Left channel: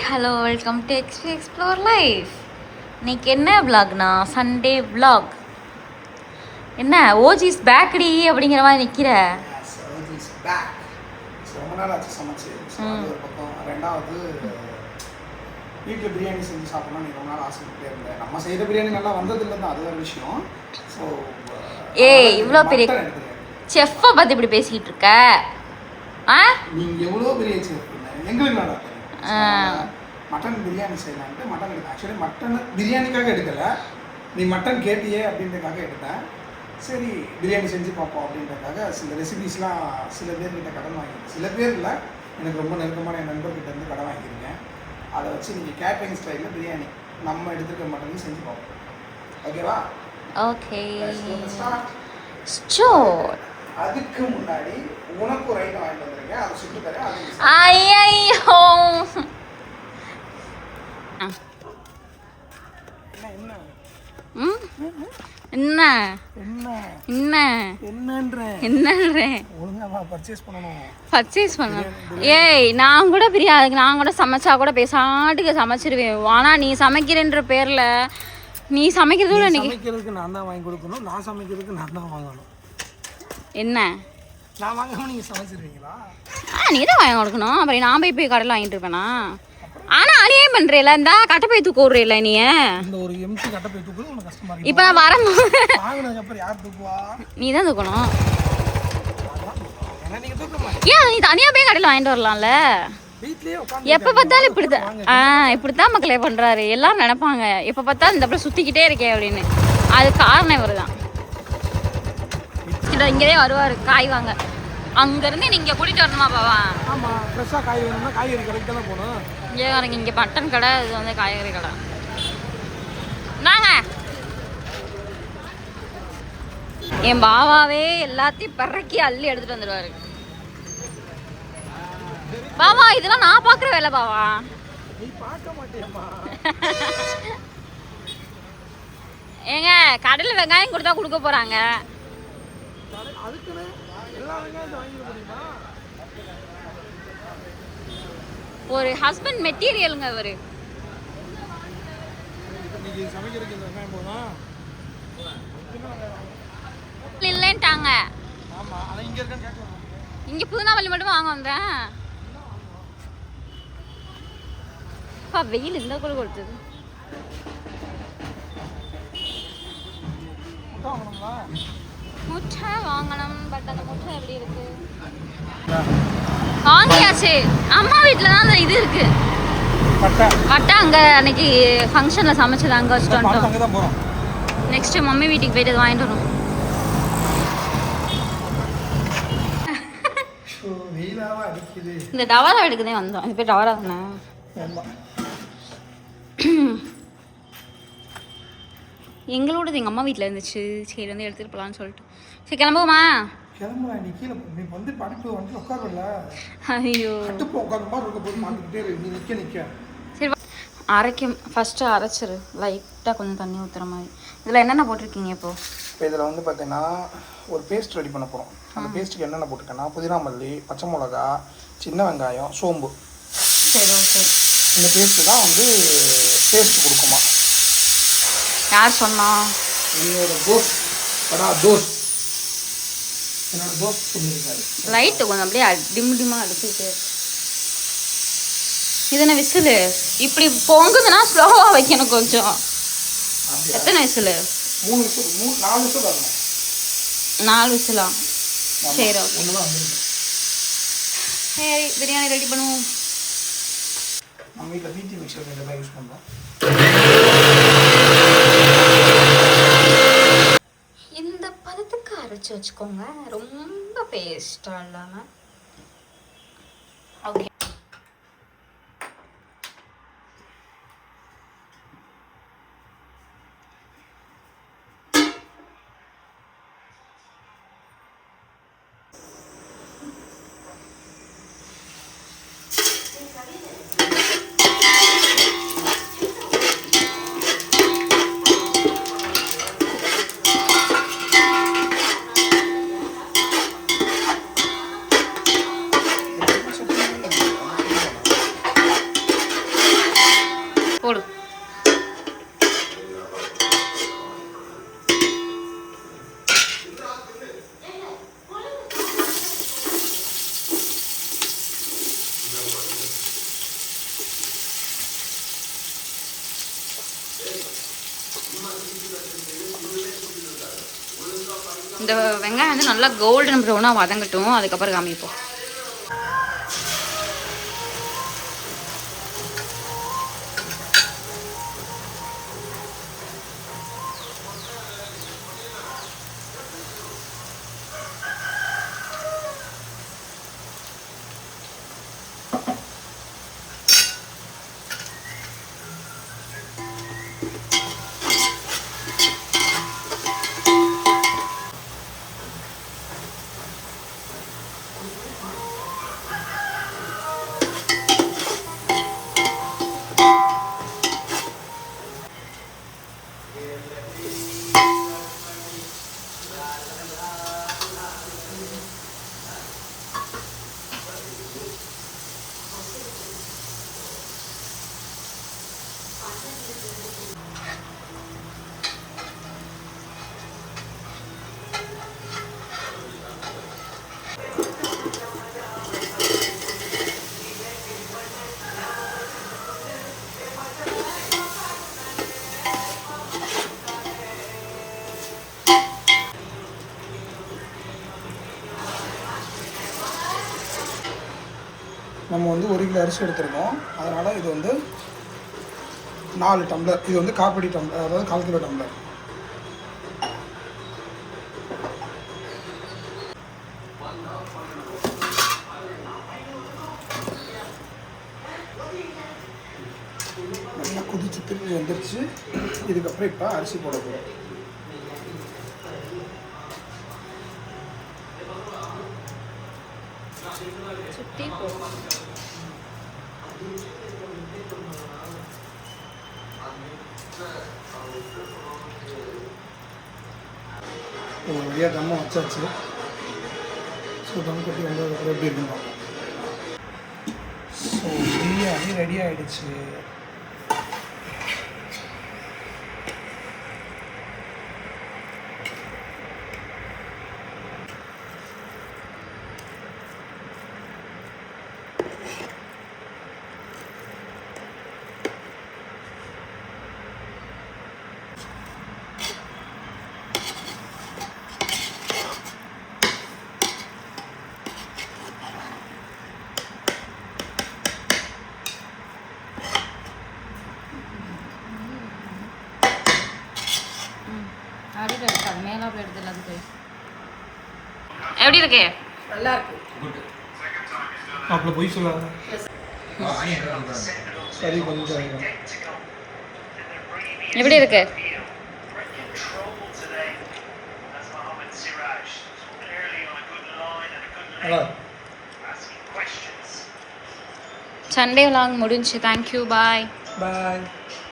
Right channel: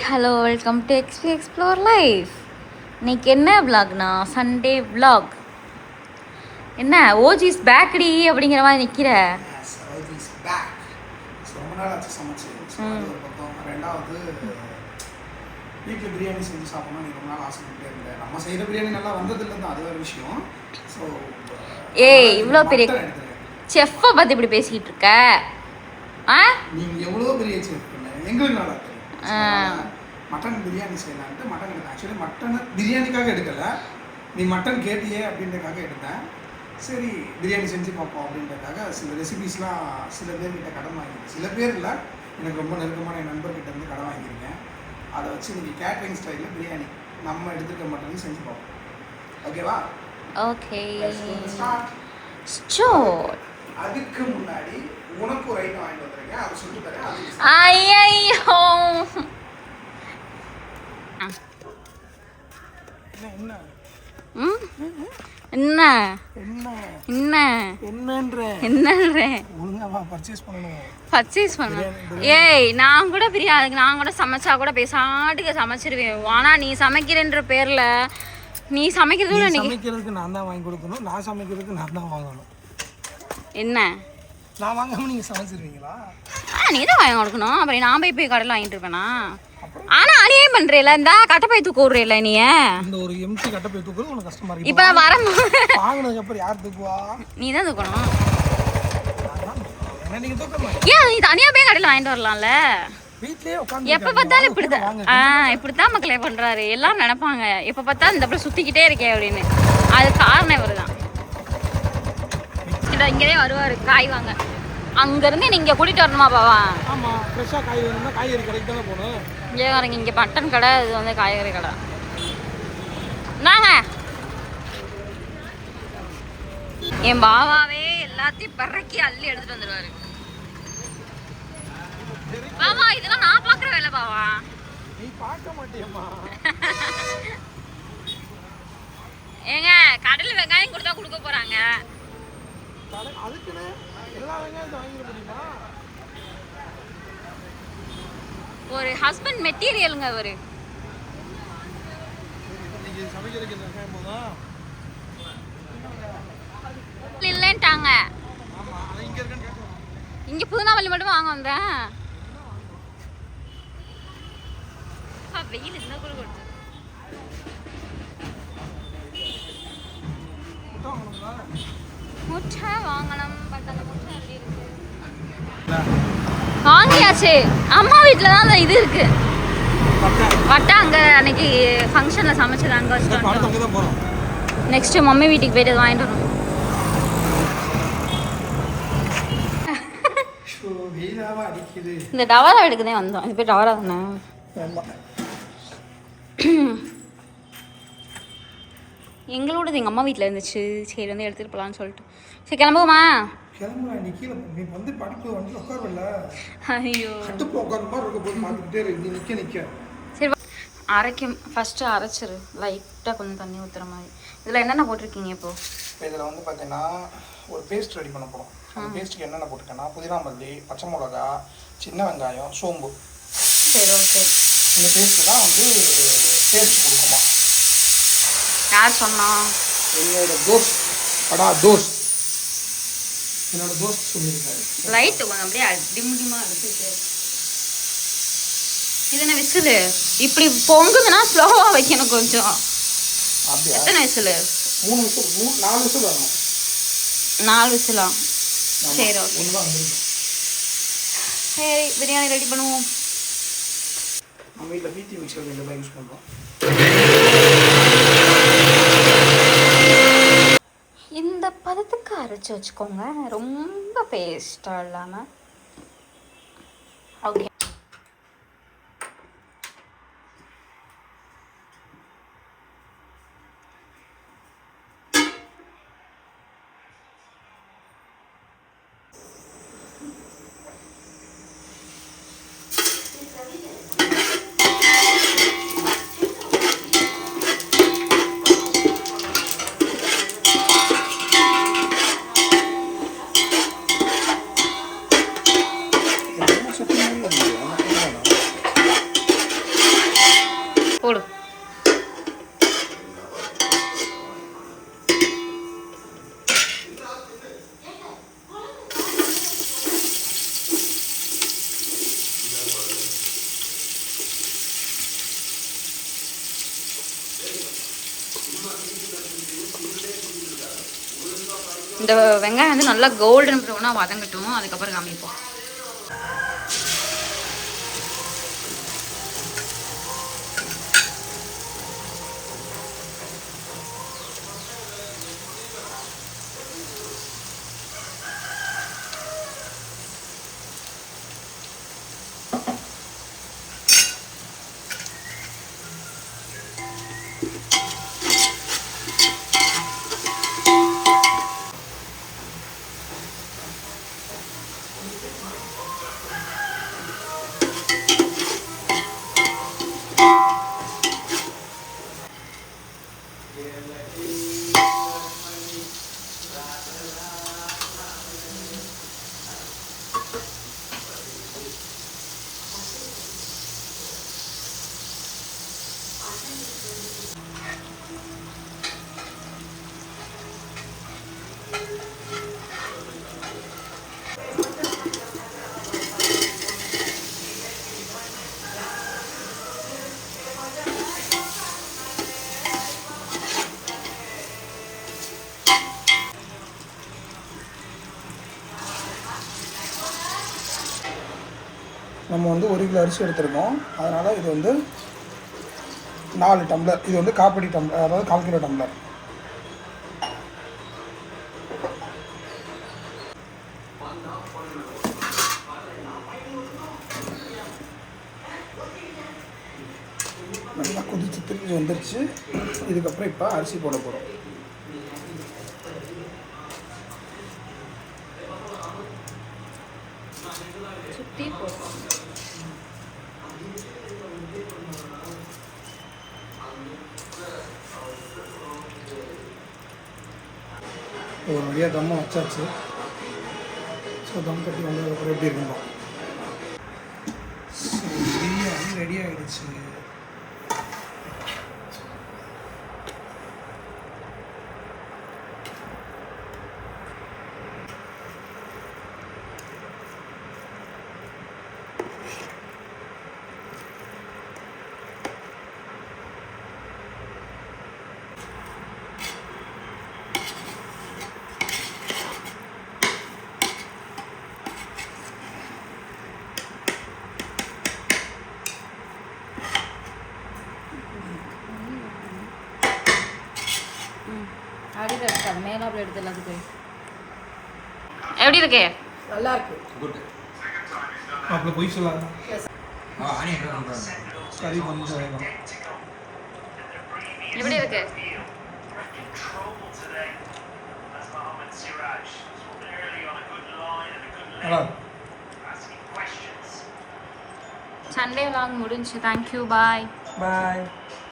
Hi hello welcome to explore life. இன்னைக்கு என்ன விலாக்னா Sunday vlog. என்ன ஓஜிஸ் பேக்கடி அப்படிங்கிற மாதிரி நிற்கிற. ரொம்ப நாள் ஆச்சு சமைச்சு. ஒரு பக்கம் ரெண்டாவது வீட்டில் பிரியாணி செஞ்சு சாப்பிடணும். நீ ரொம்ப நாள் ஆசைப்பட்டே இருந்தேன். நம்ம செய்கிற பிரியாணி நல்லா வந்ததில்லை தான், அது ஒரு விஷயம். ஸோ இவ்வளோ பெரிய செஃப்பை பற்றி இப்படி பேசிக்கிட்டு இருக்க. நீங்கள் எவ்வளோ பெரிய செஃப் எங்களுக்கு நல்லா தெரியும். மட்டன் பிரியாணி செய்யலான்ட்டு மட்டன் எடுத்தேன். ஆக்சுவலி மட்டன் பிரியாணிக்காக எடுக்கலை, நீ மட்டன் கேட்டியே அப்படின்றதுக்காக எடுத்தேன். சரி பிரியாணி செஞ்சு பார்ப்போம் அப்படின்றதுக்காக சில ரெசிபீஸ்லாம் சில பேர்கிட்ட கடன் வாங்கியிருக்கேன். சில பேர் இல்லை, எனக்கு ரொம்ப நெருக்கமான என் நண்பர்கிட்ட இருந்து கடன் வாங்கியிருக்கேன். அதை வச்சு நீங்கள் கேட்ரிங் ஸ்டைலில் பிரியாணி நம்ம எடுத்துருக்க மட்டனையும் செஞ்சு பார்ப்போம். ஓகேவா? ஓகே. அதுக்கு முன்னாடி உனக்கு ஒரு ஐட்டம் வாங்கிட்டு வந்திருக்கேன், அதை சொல்லி தரேன். ஐயோ என்ன என்ன என்ன என்னன்ற பர்ச்சேஸ் பண்ணணும். ஏய் நான் கூட பிரியாதுக்கு நான் கூட சமைச்சா கூட பேசாட்டுக்கு சமைச்சிருவேன். ஆனா நீ சமைக்கிறன்ற பேர்ல நீ சமைக்கிறதுக்கு நான் தான் வாங்கி கொடுக்கணும், நான் சமைக்கிறதுக்கு நான் தான் வாங்கணும். என்ன நான் வாங்காம நீங்க சமைச்சிருவீங்களா? நீ தான் வாங்கி கொடுக்கணும். அப்புறம் நான் போய் கடையில் வாங்கிட்டு இருப்பேனா? ஆனா அணியே பண்றேல, இந்த கட்டப்பை தூக்க விடுறேல நீ. இந்த ஒரு எம்டி கட்டப்பை தூக்குறது உனக்கு கஷ்டமா இருக்கு. இப்ப நான் வரும்போது வாங்குனதுக்கு அப்புறம் யார் தூக்குவா? நீ தான் தூக்கணும். நீங்க தூக்கமா? ஏன் நீ தனியா போய் கடையில் வாங்கிட்டு வரலாம்ல? வீட்லயே உட்கார்ந்து எப்ப பார்த்தாலும் இப்படித்தான் மக்களே பண்றாரு. எல்லாரும் நினைப்பாங்க எப்ப பார்த்தாலும் இந்த அப்புறம் சுத்திக்கிட்டே இருக்கே அப்படின்னு. அது காரணம் இவருதான். இங்கேயே வருவாரு காய் வாங்க. அங்கேருந்து நீங்கள் கூட்டிகிட்டு வரணுமா பாவா? ஆமாம், ஃப்ரெஷ்ஷாக காய் வேணும்னா காய்கறி கடைக்கு தானே போகணும். இல்லையே வரீங்க, இங்கே மட்டன் கடை, இது வந்து காய்கறி கடை. நாங்க என் பாவாவே எல்லாத்தையும் பறக்கி அள்ளி எடுத்துட்டு வந்துடுவாரு. பாவா இதெல்லாம் நான் பார்க்குற வேலை பாவா. நீ பார்க்க மாட்டேம்மா. ஏங்க கடையில் வெங்காயம் கொடுத்தா கொடுக்க போகிறாங்க. அதுக்குன்னு எல்லா வெங்காயத்தை வாங்கிட முடியுமா? ஒரு ஹஸ்பண்ட் மெட்டீரியலுங்க அவரு. இன்னைக்கு சமைக்கிறதுக்கு இந்த வெங்காயம் போதும் இல்லைன்ட்டாங்க. ஆமா, அது இங்க இருக்குன்னு கேட்கலாம். இங்க புதுநாவல்லி மட்டும் வாங்க வந்தேன். வெயில் இந்த கூட கொடுத்தது. முட்டை வாங்கணும். பட் அந்த முட்டை எப்படி இருக்கு? வாங்கியாச்சு. அம்மா வீட்டில் தான் அந்த இது இருக்கு, வட்டை. அங்கே அன்னைக்கு ஃபங்க்ஷனில் சமைச்சது அங்கே வச்சுட்டு வந்துட்டோம். நெக்ஸ்ட்டு மம்மி வீட்டுக்கு போயிட்டு வாங்கிட்டு வரோம். இந்த டவரா எடுக்கதே வந்தோம். இது பேர் டவரா தானே? எங்களோடது எங்கள் அம்மா வீட்டில் இருந்துச்சு. சரி வந்து எடுத்துகிட்டு போகலான்னு சொல்லிட்டு. சரி கிளம்புவோமா? கிளம்புறேன். நீ கீழே நீ வந்து படிப்பு வந்து உட்காருவல. ஐயோ கட்டுப்பு உட்காந்து மாதிரி இருக்க போய் மாட்டிக்கிட்டே இருக்கு. நீ நிற்க சரி அரைக்கும். ஃபஸ்ட்டு அரைச்சிரு, லைட்டாக கொஞ்சம் தண்ணி ஊற்றுற மாதிரி. இதில் என்னென்ன போட்டிருக்கீங்க இப்போது? இதில் வந்து பார்த்தீங்கன்னா ஒரு பேஸ்ட் ரெடி பண்ண போகிறோம். அந்த பேஸ்ட்டுக்கு என்னென்ன போட்டிருக்கேன்னா புதினா மல்லி, பச்சை மிளகா, சின்ன வெங்காயம், சோம்பு. சரி ஓகே. இந்த பேஸ்ட்டு தான் வந்து டேஸ்ட் கொடுக்குமா? யார் சொன்னா? என்னோட தோஸ்த். தோஸ்த் என்னோட தோஸ்த் சொல்லியிருக்காரு. லைட்டு கொஞ்சம் அப்படியே டிம்மாக அடிச்சுட்டு. இது என்ன விசிலு? இப்படி பொங்குதுன்னா ஸ்லோவாக வைக்கணும் கொஞ்சம். எத்தனை விசிலு? 3 விசில், 4 விசில் வரணும். 4 விசிலா? சரி ஓகே. ஒன்றுதான் வந்துருக்கு. சரி பிரியாணி ரெடி பண்ணுவோம். நம்ம வீட்டில் பீத்தி மிக்சர் எங்கே தான் யூஸ் பண்ணுறோம். இந்த பதத்துக்கு அரைச்சி வச்சுக்கோங்க, ரொம்ப பேஸ்டாக இல்லாமல். ஓகே. போடு. இந்த வெங்காயம் வந்து நல்லா கோல்டன் ப்ரௌனாக வதங்கட்டும், அதுக்கப்புறம் காமிப்போம். நம்ம வந்து 1 கிலோ அரிசி எடுத்துருக்கோம், அதனால் இது வந்து 4 டம்ளர். இது வந்து காப்படி டம்ளர், அதாவது 1/4 கிலோ டம்ளர். நல்லா கொதிச்சு திருப்பி வந்துருச்சு. இதுக்கப்புறம் இப்போ அரிசி போட போகிறோம். சுற்றி போடுவோம். ஒரு வழியாக தம்மை வச்சாச்சு. ஸோ தம் கட்டி வந்ததுக்கப்புறம் எப்படி இருக்கணும். ஸோ பிரியாணி ரெடி ஆகிடுச்சு. எப்படி இருக்கு? நல்லா இருக்கு. அப்போ போய் சொல்லாத. சரி கொஞ்சம் எப்படி இருக்கு? சண்டே vlog முடிஞ்சு. தேங்க்யூ, பாய். பாய்.